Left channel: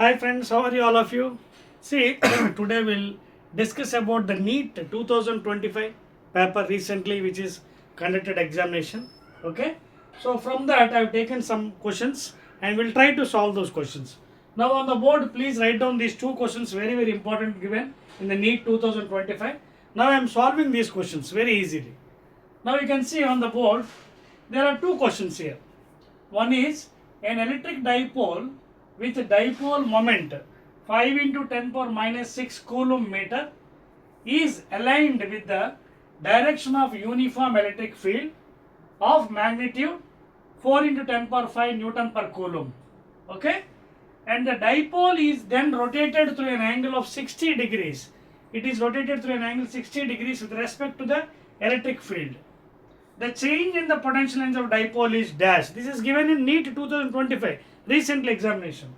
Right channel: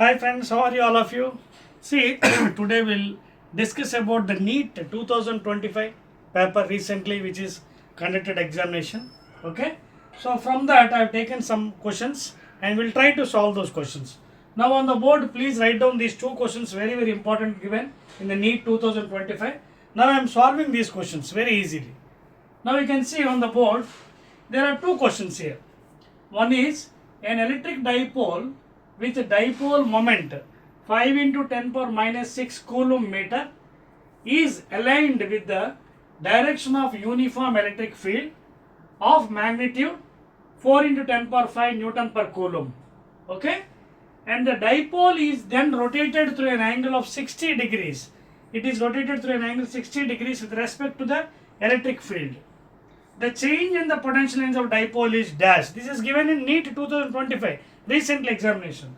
Hi friends, how are you all of you? See, today we'll discuss about the Neet 2025 paper recently which is conducted examination. Okay, so from that I've taken some questions and we'll try to solve those questions. Now on the board, please write down these two questions, very important, given in the Neet 2025. Now I am solving these questions very easily. Now you can see on the board there are two questions here. One is an electric dipole with dipole moment 5 into 10 power minus 6 coulomb meter is aligned with the direction of uniform electric field of magnitude 4 into 10 power 5 Newton per coulomb. Okay? And the dipole is then rotated through an angle of 60 degrees. It is rotated through an angle 60 degrees with respect to the electric field. The change in the potential length of dipole is dash. This is given in Neet 2025 recently examination.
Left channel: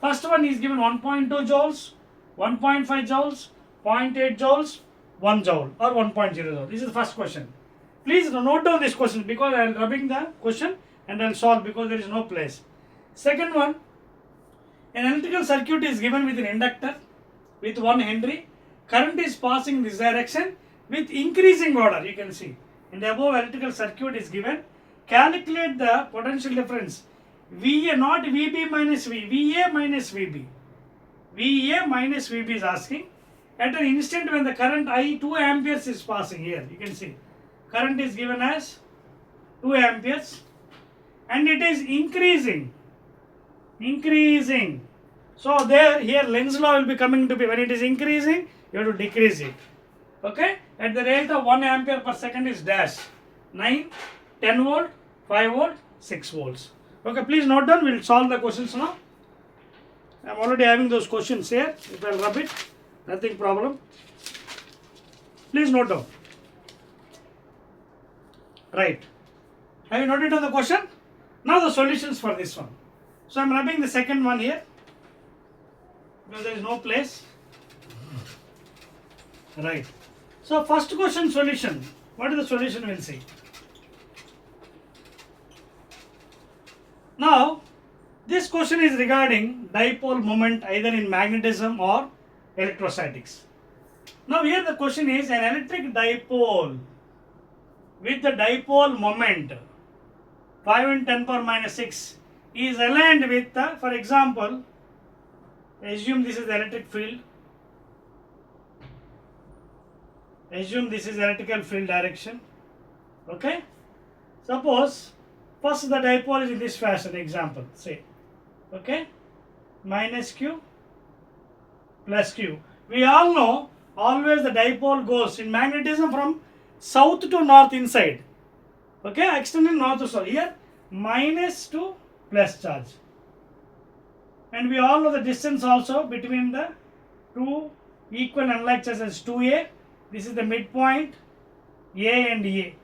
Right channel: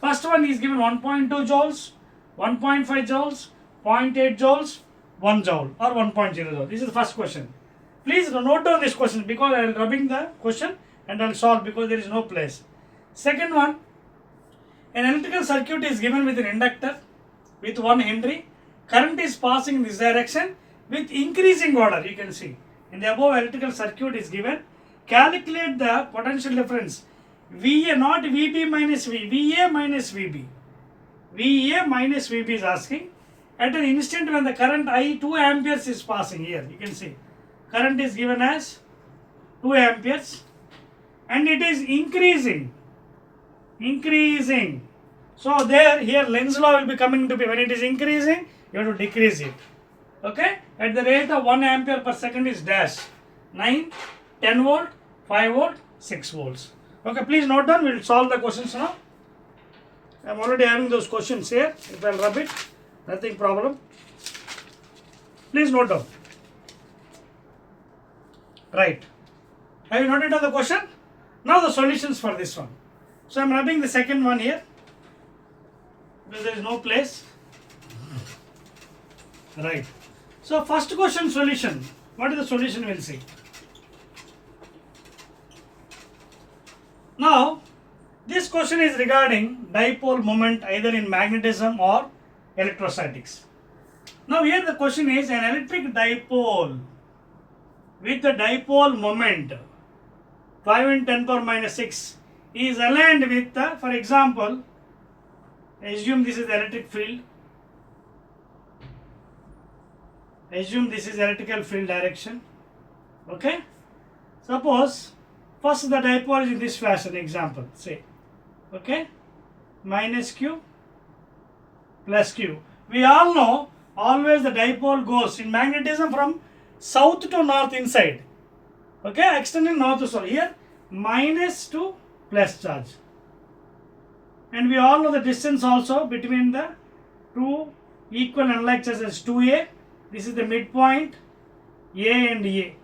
First one is given 1.2 joules, 1.5 joules, 0.8 joules, 1 joule or 1.0 joule. This is the first question. Please note down this question because I am rubbing the question and I will solve because there is no place. Second one, an electrical circuit is given with an inductor with 1 Henry. Current is passing in this direction with increasing order. You can see in the above electrical circuit is given. Calculate the potential difference VA, not VB minus V, VA minus VB. VA minus VB is asking at an instant when the current I 2 amperes is passing here. You can see current is given as 2 amperes and it is increasing. So there here Lenz's law will be coming to be. When it is increasing, you have to decrease it. Okay, at the rate of 1 ampere per second is dash 9, 10 volt, 5 volt, 6 volts. Okay, please note down. We will solve the questions now. I am already having those questions here. If I will rub it, nothing problem. Please note down. Right. Have you noted down the question? Now the solutions for this one. So I am rubbing the second one here because there is no place. Right. So first question solution. What is the solution? We'll see. Now this question is regarding dipole moment either in magnetism or electrostatics. Now here the question is an electric dipole with the dipole moment 5 and 10 power minus 6 is aligned with the, for example, assume this is the electric field. Assume this is electrical field direction. Okay. Suppose first the dipole is in this fashion, example, say. Okay. Minus Q plus Q. We all know always the dipole goes in magnetism from south to north inside. Okay. Extending north to south. Here minus to plus charge. And we all know the distance also between the two equal unlike charges 2A. This is the midpoint A and A.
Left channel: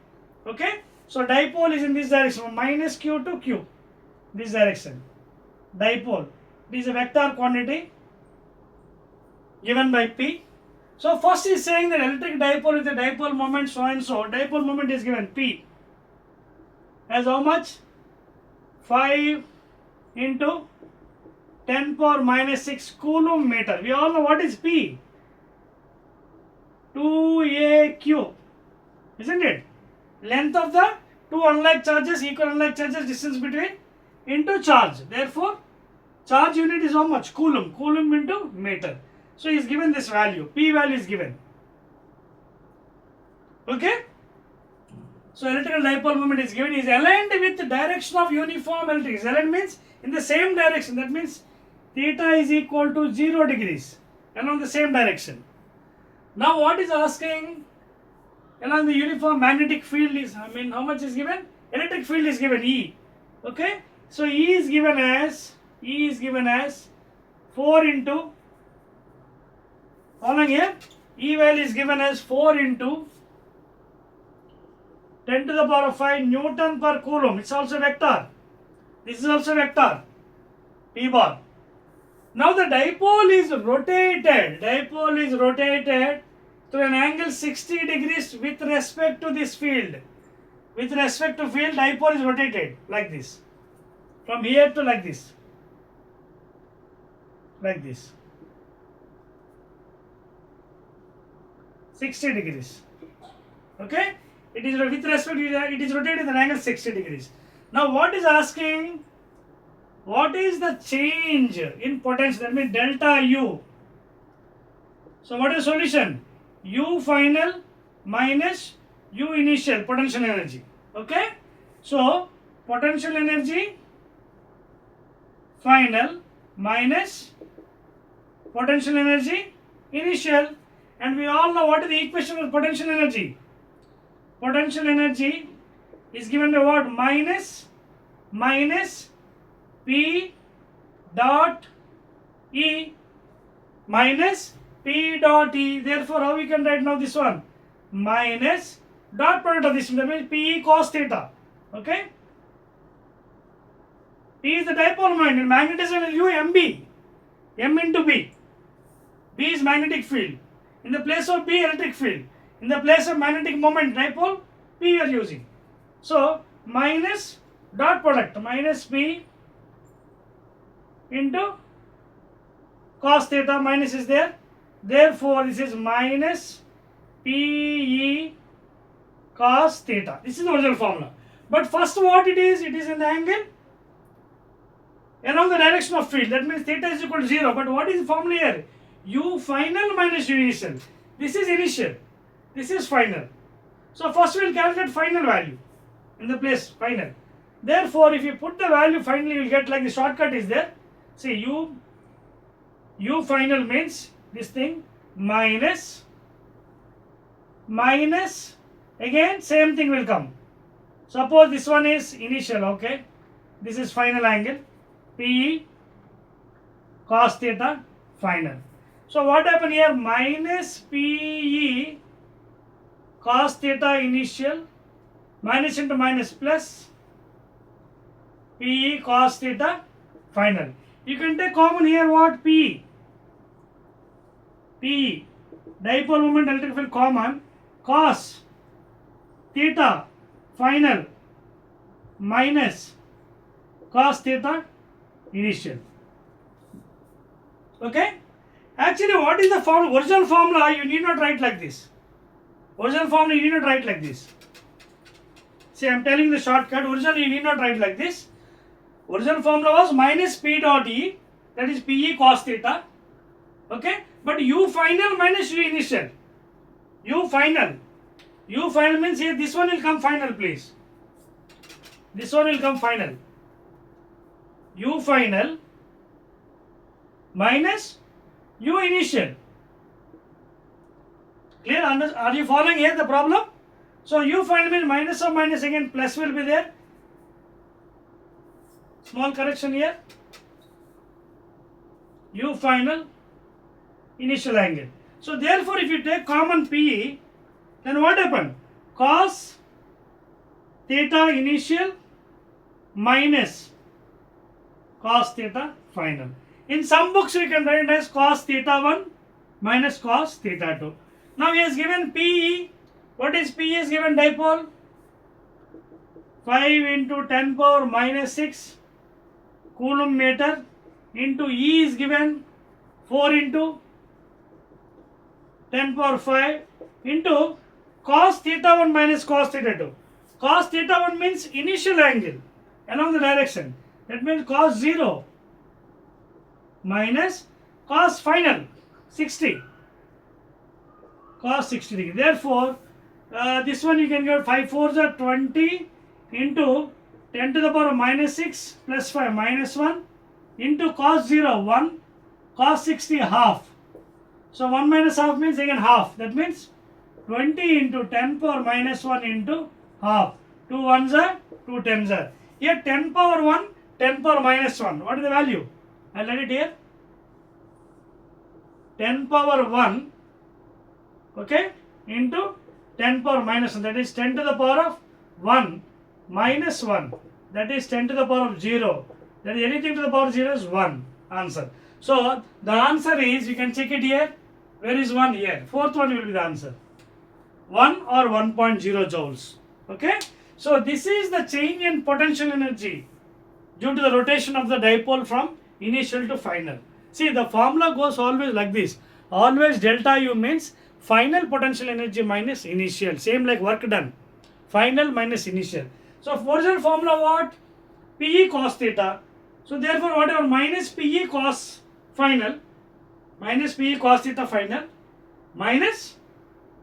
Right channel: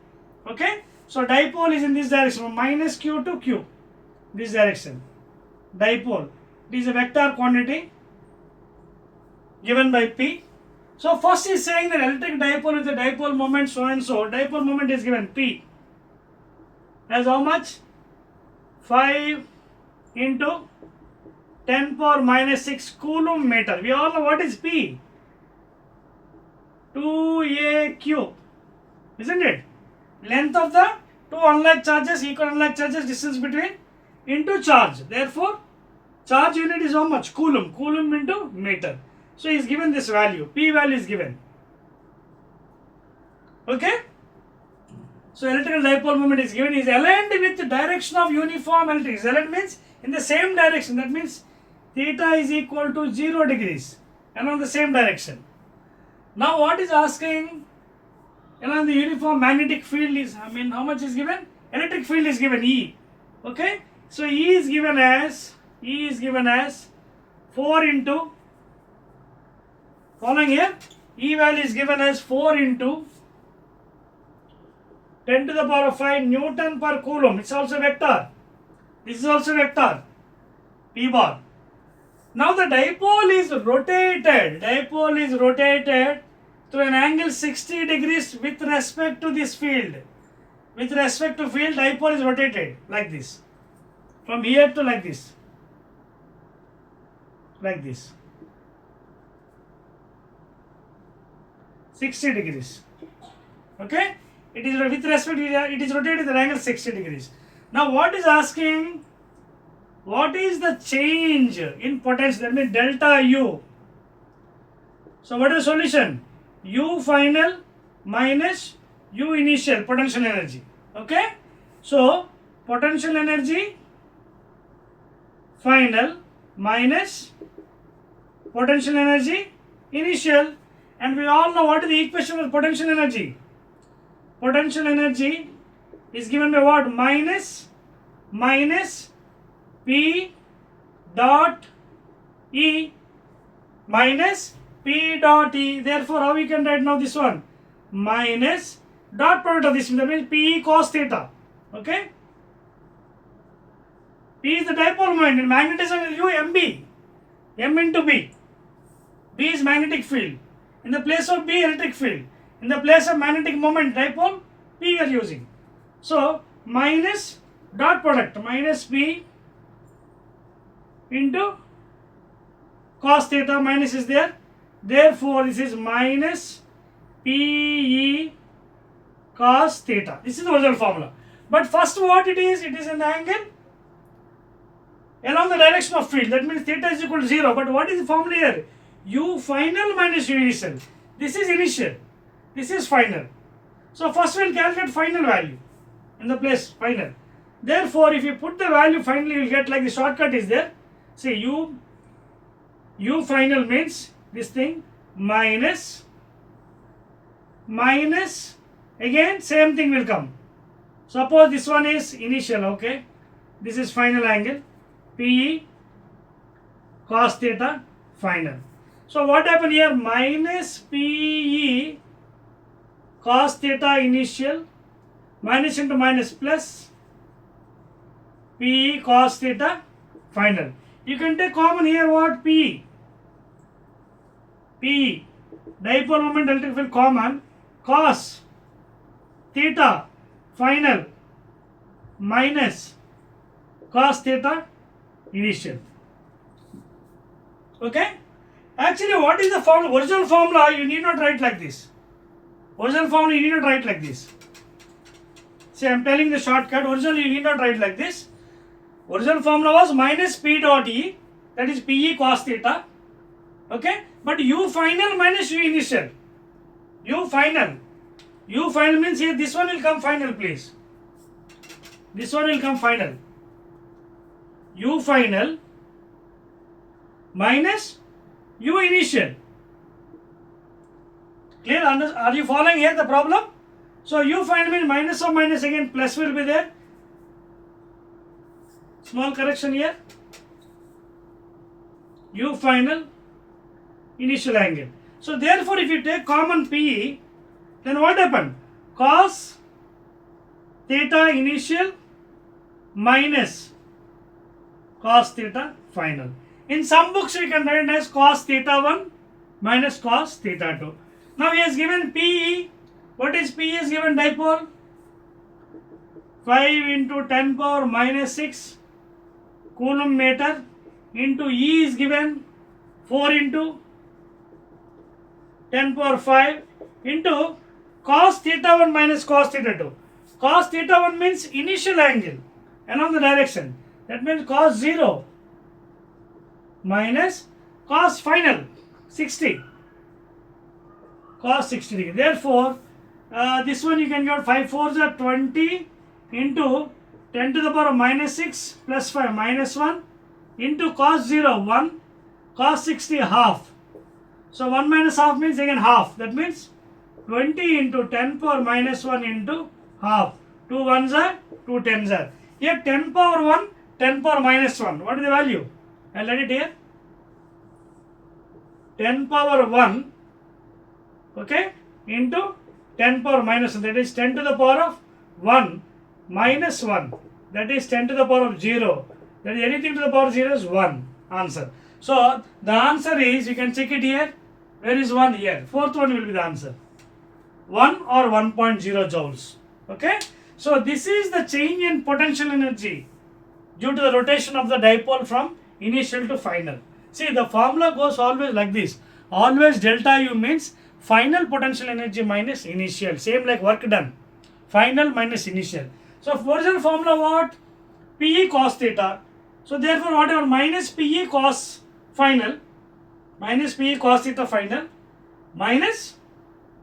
Okay. So dipole is in this direction from minus Q to Q. This direction. Dipole. This is a vector quantity given by P. So first is saying that electric dipole with a dipole moment so and so. Dipole moment is given P as how much? 5 into 10 power minus 6 coulomb meter. We all know what is P. 2AQ, isn't it? Length of the two unlike charges, equal unlike charges, distance between into charge. Therefore, charge unit is how much? Coulomb. Coulomb into meter. So, he is given this value. P value is given. Okay? So, electrical dipole moment is given. Is aligned with the direction of uniform electric. Aligned means in the same direction. That means theta is equal to 0 degrees along the same direction. Now what is asking along the uniform magnetic field is, how much is given? Electric field is given E. Okay. So E is given as 4 into, following here, E value is given as 4 into 10 to the power of 5 Newton per coulomb. It's also vector. This is also vector. P bar. Now the dipole is rotated to an angle 60 degrees with respect to this field. With respect to field, dipole is rotated like this. From here to like this. like this, 60 degrees. Okay, it is with respect to it is rotated with an angle 60 degrees. Now what is asking? What is the change in potential? That means delta U. So what is the solution? U final minus U initial potential energy. Okay, so potential energy final minus potential energy initial, and we all know what is the equation for potential energy. Potential energy is given by what? Minus P dot E minus P dot E. Therefore, how we can write now this one? Minus dot product of this, that means P cos theta. Okay? P is the dipole moment and magnetism is U MB. M into B. B is magnetic field. In the place of B, electric field. In the place of magnetic moment, dipole, P you are using. So, minus dot product, minus P into cos theta, minus is there. Therefore, this is minus PE cos theta. This is the original formula. But first what it is an angle along the direction of field. That means theta is equal to 0. But what is the formula here? U final minus U initial. This is initial. This is final. So first we will calculate final value in the place final. Therefore, if you put the value finally, you will get like the shortcut is there. See, U final means this thing minus again same thing will come. Suppose this one is initial, okay. This is final angle, PE cos theta final. So what happened here? Minus PE cos theta initial, minus into minus plus PE cos theta final. You can take common here what? PE. Dipole moment electric field common, cos theta final minus cos theta initial. Okay? Actually, what is the formula? Original formula you need not write like this. Original formula you need not write like this. See, I am telling the shortcut. Originally you need not write like this. Original formula was minus P dot E, that is PE cos theta. Okay? But U final minus U initial. U final means here this one will come final, please. This one will come final. U final minus U initial. Clear? Are you following here the problem? So U final means minus of minus, again plus will be there. Small correction here. U final initial angle. So therefore, if you take common PE, then what happened? Cos theta initial minus cos theta final. In some books we can write it as cos theta 1 minus cos theta 2. Now he has given PE. What is PE? Is given dipole 5 into 10 power minus 6 coulomb meter into E is given 4 into 10 power 5 into cos theta 1 minus cos theta 2. Cos theta 1 means initial angle along the direction. That means cos 0 minus cos final 60. Cos 60 degree. Therefore, this one you can get 5 4s are 20 into 10 to the power of minus 6 plus 5 minus 1 into cos 0 1 cos 60 half. So 1 minus half means again half. That means 20 into 10 power minus 1 into half. 2 1s are 2 10s are. Here 10 power 1, 10 power minus 1. What is the value? I'll write it here. 10 power 1, okay, into 10 power minus 1. That is 10 to the power of 1 minus 1. That is 10 to the power of 0. That is anything to the power of 0 is 1. Answer. So the answer is, you can check it here. Where is 1? Here. Fourth one will be the answer. 1 or 1.0 joules. Okay. So this is the change in potential energy due to the rotation of the dipole from initial to final. See, the formula goes always like this. Always delta U means final potential energy minus initial. Same like work done. Final minus initial. So original formula what? PE cos theta. So therefore whatever minus PE cos final, minus PE cos theta final, minus,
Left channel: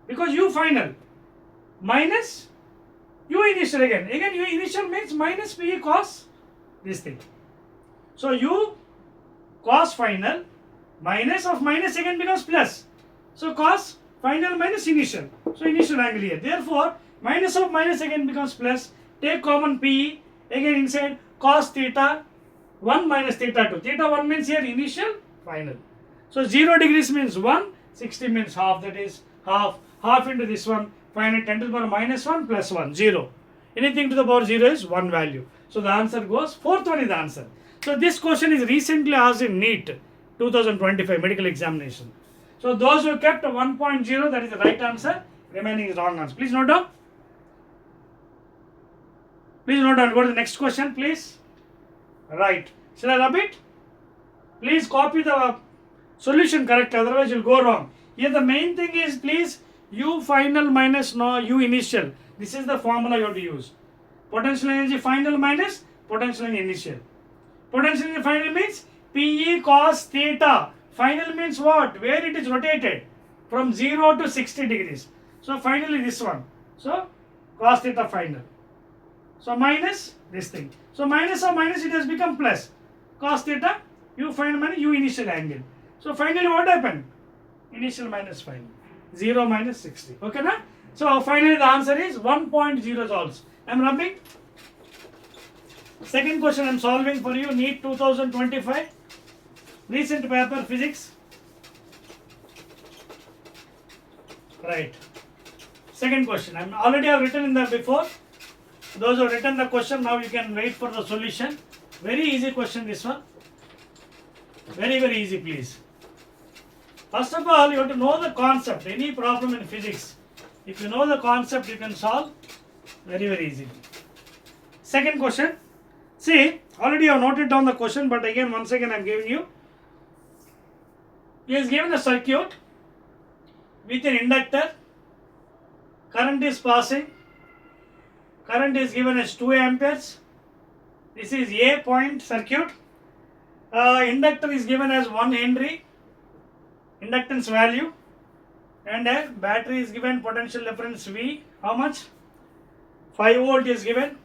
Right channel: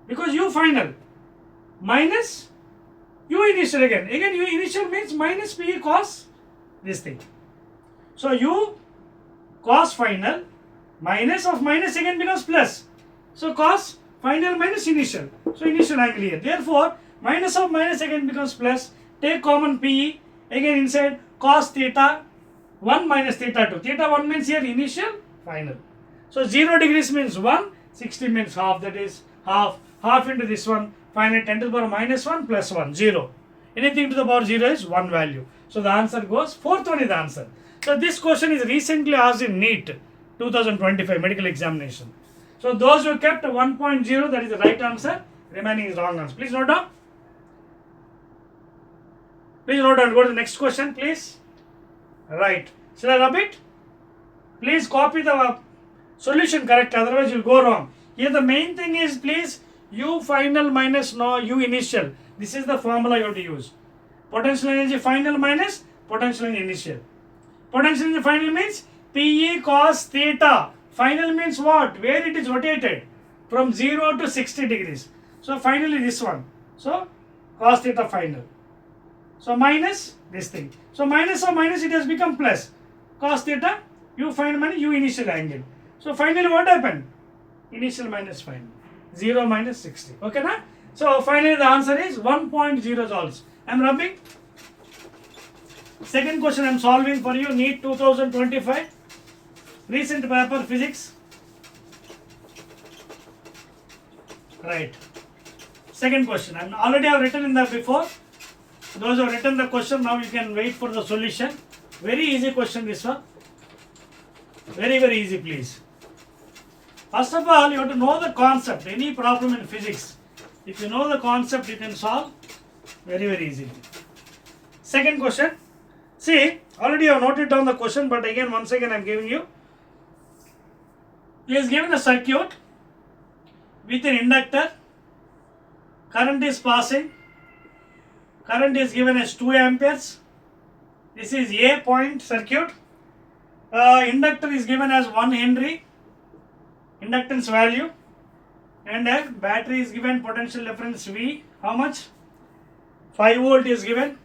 because U final, minus U initial again. Again U initial means minus PE cos this thing. So U cos final minus of minus again becomes plus. So cos final minus initial. So initial angle here. Therefore minus of minus again becomes plus. Take common PE again inside cos theta 1 minus theta 2. Theta 1 means here initial final. So 0 degrees means 1, 60 means half, that is half. Half into this one, final 10 to the power minus 1 plus 1, 0. Anything to the power 0 is 1 value. So the answer goes, fourth one is the answer. So this question is recently asked in Neet 2025 medical examination. So those who kept 1.0, that is the right answer. Remaining is wrong answer. Please note down. Please note down. Go to the next question, please. Right. Shall I rub it? Please copy the solution correct, otherwise you'll go wrong. Here the main thing is, please, U final minus no U initial. This is the formula you have to use. Potential energy final minus potential energy initial. Potential energy final means PE cos theta. Final means what? Where it is rotated from 0 to 60 degrees. So finally this one. So cos theta final. So minus this thing. So minus of minus it has become plus. Cos theta, U final minus U initial angle. So finally what happened? Initial minus final. 0 minus 60. Okay na? So finally the answer is 1.0 joules. I am rubbing. Second question I am solving for you. Neet 2025. Recent paper physics. Right. Second question. I already have written in the before. Those who have written the question, now you can wait for the solution. Very easy question this one. Very, very easy, please. First of all, you have to know the concept. Any problem in physics, if you know the concept, you can solve very, very easily. Second question. See, already I have noted down the question, but again, once again, I am giving you. He is given a circuit with an inductor. Current is passing. Current is given as 2 amperes. This is A point circuit. Inductor is given as 1 Henry. Inductance value. And a battery is given potential difference V. How much? 5 volt is given.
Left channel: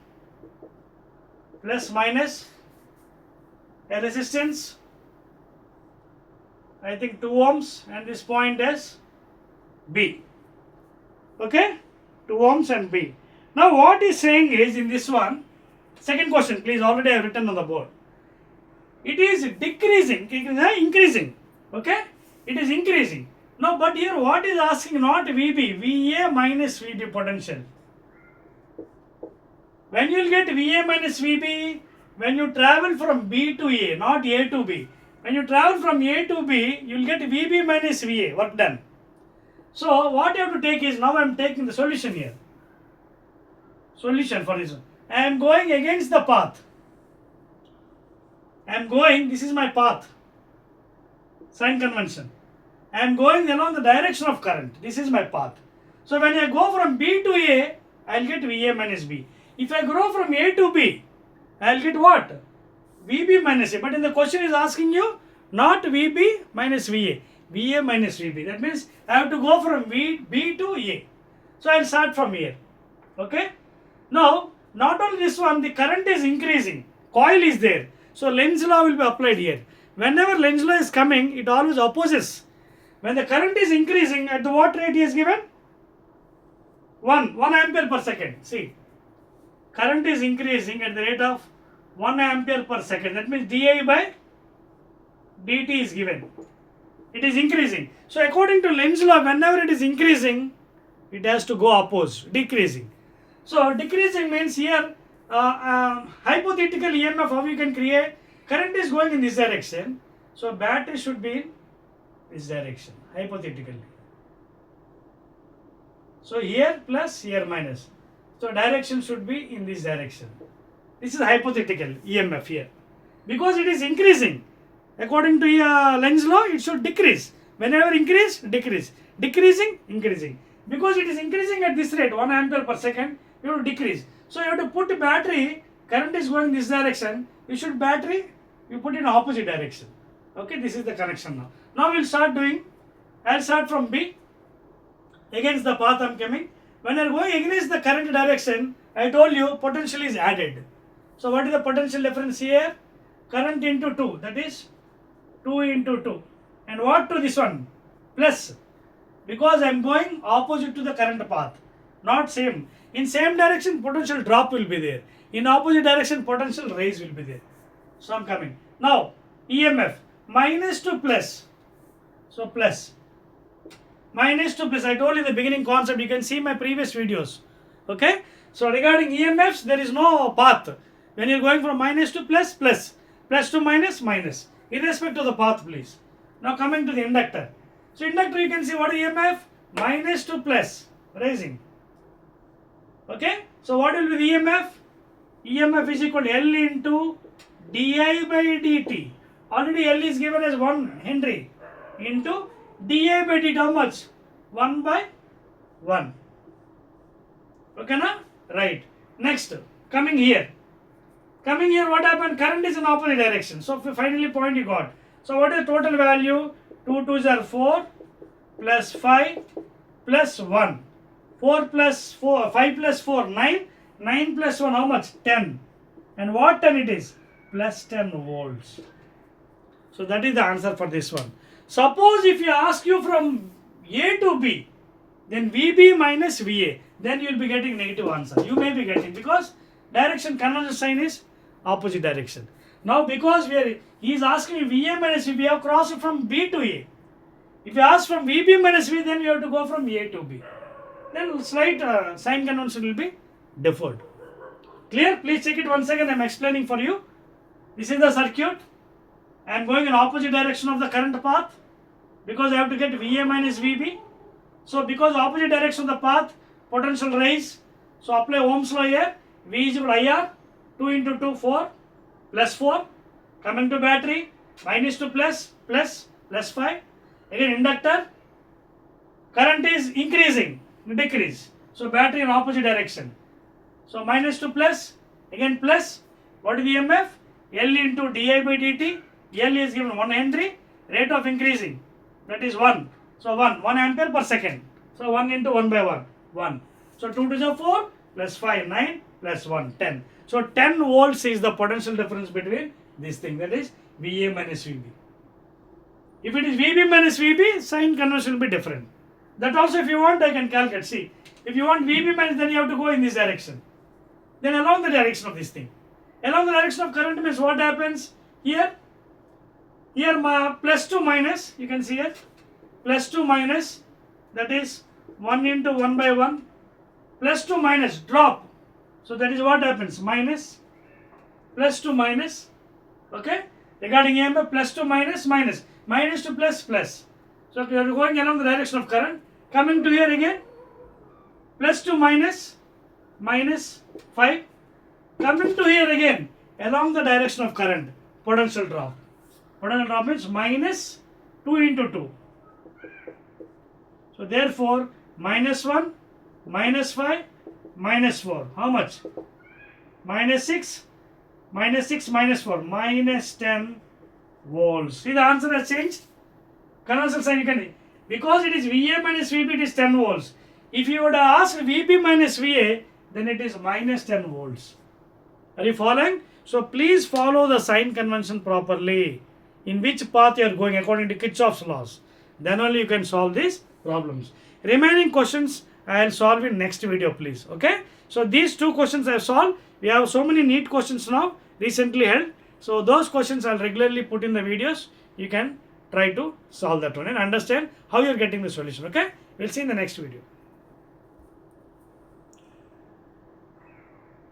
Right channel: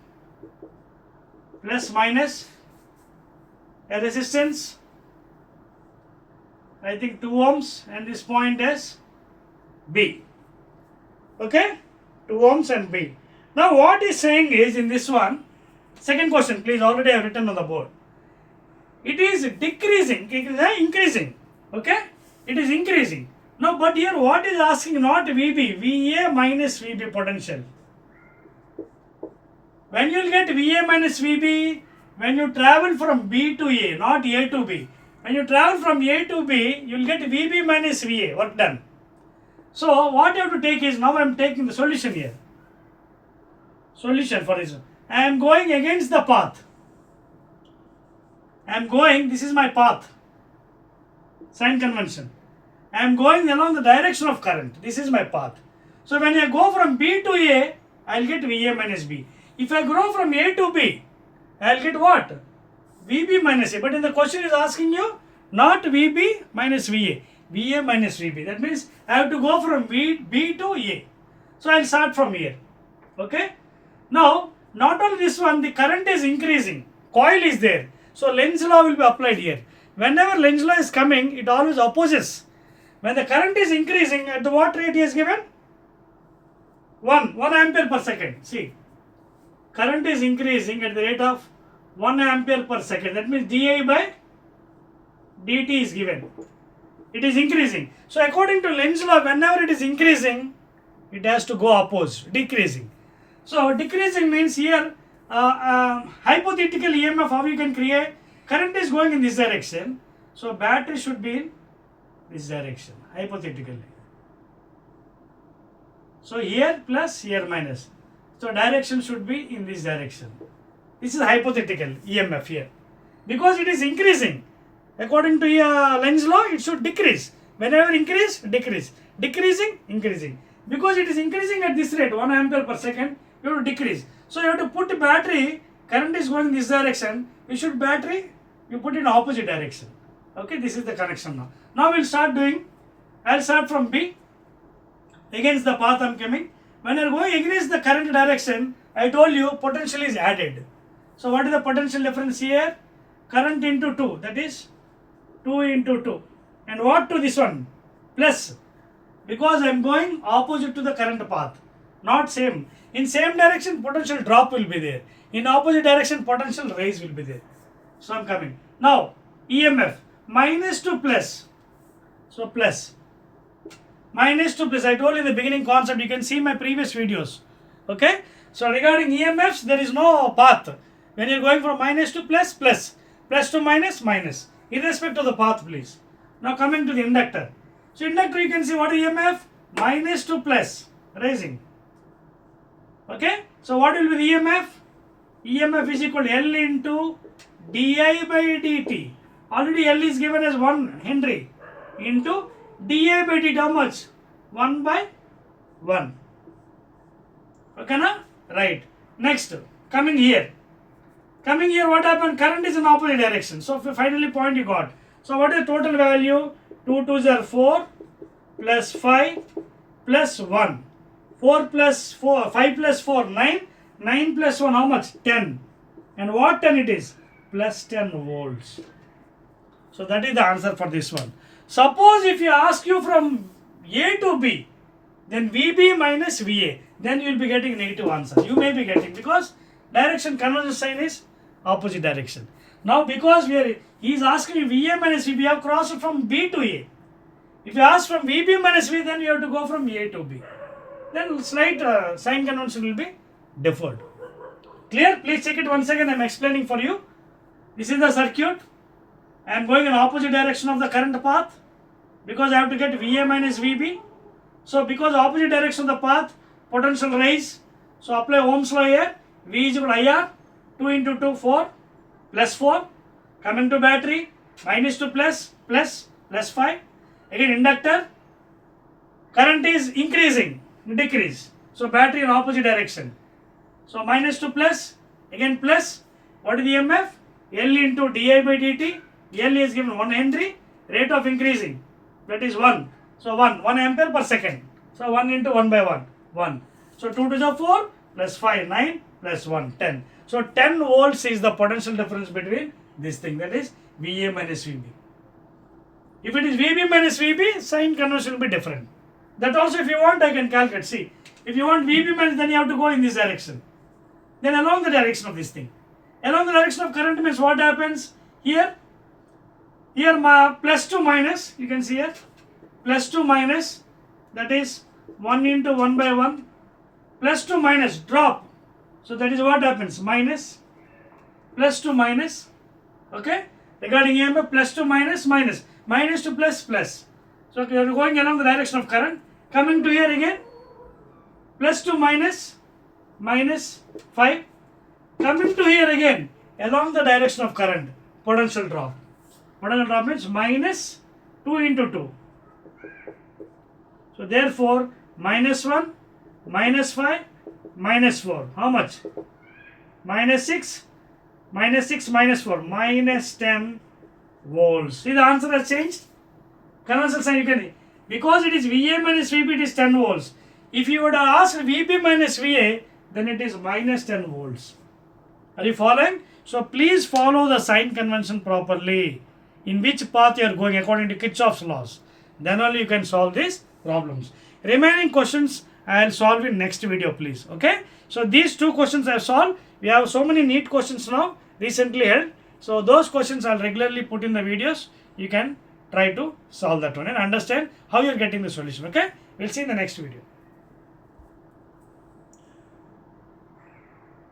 Plus minus. A resistance. I think 2 ohms. And this point is B. Okay? 2 ohms and B. Now what he's saying is in this one, second question please, already I have written on the board. It is decreasing, increasing. Okay? It is increasing. Now but here what is asking, not VB, VA minus VB potential. When you will get VA minus VB, when you travel from B to A, not A to B. When you travel from A to B, you will get VB minus VA, work done. So what you have to take is, now I am taking the solution here. Solution for this one. I am going against the path. I am going, this is my path. Sign convention. I am going along the direction of current. This is my path. So when I go from B to A, I will get VA minus B. If I go from A to B, I will get what? VB minus A. But in the question is asking you, not VB minus VA. VA minus VB. That means I have to go from B to A. So I will start from here. Okay? Now, not only this one, the current is increasing. Coil is there. So Lenz's law will be applied here. Whenever Lenz's law is coming, it always opposes. When the current is increasing, at the what rate he is given? 1 ampere per second. See, current is increasing at the rate of 1 ampere per second. That means di by dt is given. It is increasing. So according to Lenz's law, whenever it is increasing, it has to go opposite, decreasing. So decreasing means here, hypothetical EMF, how you can create, current is going in this direction. So battery should be in this direction, hypothetically. So here plus, here minus. So direction should be in this direction. This is hypothetical EMF here. Because it is increasing. According to Lenz's law, it should decrease. Whenever increase, decrease. Decreasing, increasing. Because it is increasing at this rate, 1 ampere per second, you have to decrease. So you have to put battery, current is going in this direction, you should battery, you put in opposite direction. Okay, this is the connection now. Now we'll start doing, I'll start from B, against the path I'm coming. When you're going against the current direction, I told you potential is added. So what is the potential difference here? Current into 2, that is 2 into 2. And what to this one? Plus. Because I am going opposite to the current path. Not same. In same direction, potential drop will be there. In opposite direction, potential raise will be there. So I am coming. Now, EMF. Minus to plus. So plus. Minus to plus. I told you the beginning concept. You can see my previous videos. Okay. So regarding EMFs, there is no path. When you are going from minus to plus, plus. Plus to minus, minus. Irrespective of the path, please. Now coming to the inductor. So inductor, you can see what is EMF? Minus to plus. Raising. Okay. So what will be the EMF? EMF is equal to L into di by dt. Already L is given as 1 Henry into di by dt. How much? 1 by 1. Okay, na? Right. Next, coming here. Coming here, what happened? Current is in opposite direction. So finally point you got. So what is the total value? 2 2s are 4 plus 5 plus 1. 4 plus 4, 5 plus 4, 9. 9 plus 1, how much? 10. And what 10 it is? Plus 10 volts. So that is the answer for this one. Suppose if you ask you from A to B, then VB minus VA, then you will be getting negative answer. You may be getting, because direction conversion sign is opposite direction. Now because he is asking VA minus VB, we have crossed from B to A. If you ask from VB minus V, then you have to go from A to B. Then slight sign convention will be deferred. Clear? Please check it once again. I am explaining for you. This is the circuit. I am going in opposite direction of the current path, because I have to get VA minus VB. So because opposite direction of the path, potential rise. So apply Ohm's law here. V is equal to IR. 2 into 2, 4. Plus 4. Coming to battery. Minus to plus. Plus. Plus 5. Again inductor. Current is increasing. Decrease. So battery in opposite direction. So minus to plus. Again plus. What is the EMF? L into di by dt. L is given 1 Henry. Rate of increasing. That is 1. So 1 ampere per second. So 1 into 1 by 1. 1. So 2 to the 4 plus 5, 9 plus 1, 10. So 10 volts is the potential difference between this thing. That is VA minus VB. If it is VB minus VB, sign conversion will be different. That also if you want, I can calculate. See, if you want VB minus, then you have to go in this direction. Then along the direction of this thing. Along the direction of current means what happens? Here my plus to minus, you can see here. Plus to minus, that is 1 into 1 by 1. Plus to minus, drop. So that is what happens. Minus, plus to minus. Okay. Regarding EMF, plus to minus, minus. Minus to plus, plus. So we are going along the direction of current. Coming to here again. Plus to minus, minus 5. Coming to here again. Along the direction of current. Potential drop. Potential drop means minus 2 into 2. So therefore, minus 1, minus 5, minus 4. How much? Minus 6, minus 6, minus 4. Minus 10 volts. See, the answer has changed. Conventional sign you can. Because it is VA minus VB, it is 10 volts. If you would ask VB minus VA, then it is minus 10 volts. Are you following? So please follow the sign convention properly. In which path you are going according to Kirchhoff's laws. Then only you can solve these problems. Remaining questions I will solve in next video, please. Okay. So these 2 questions I have solved. We have so many neat questions now recently held. So those questions I will regularly put in the videos. You can try to solve that one and understand how you are getting the solution. Okay. We will see in the next video.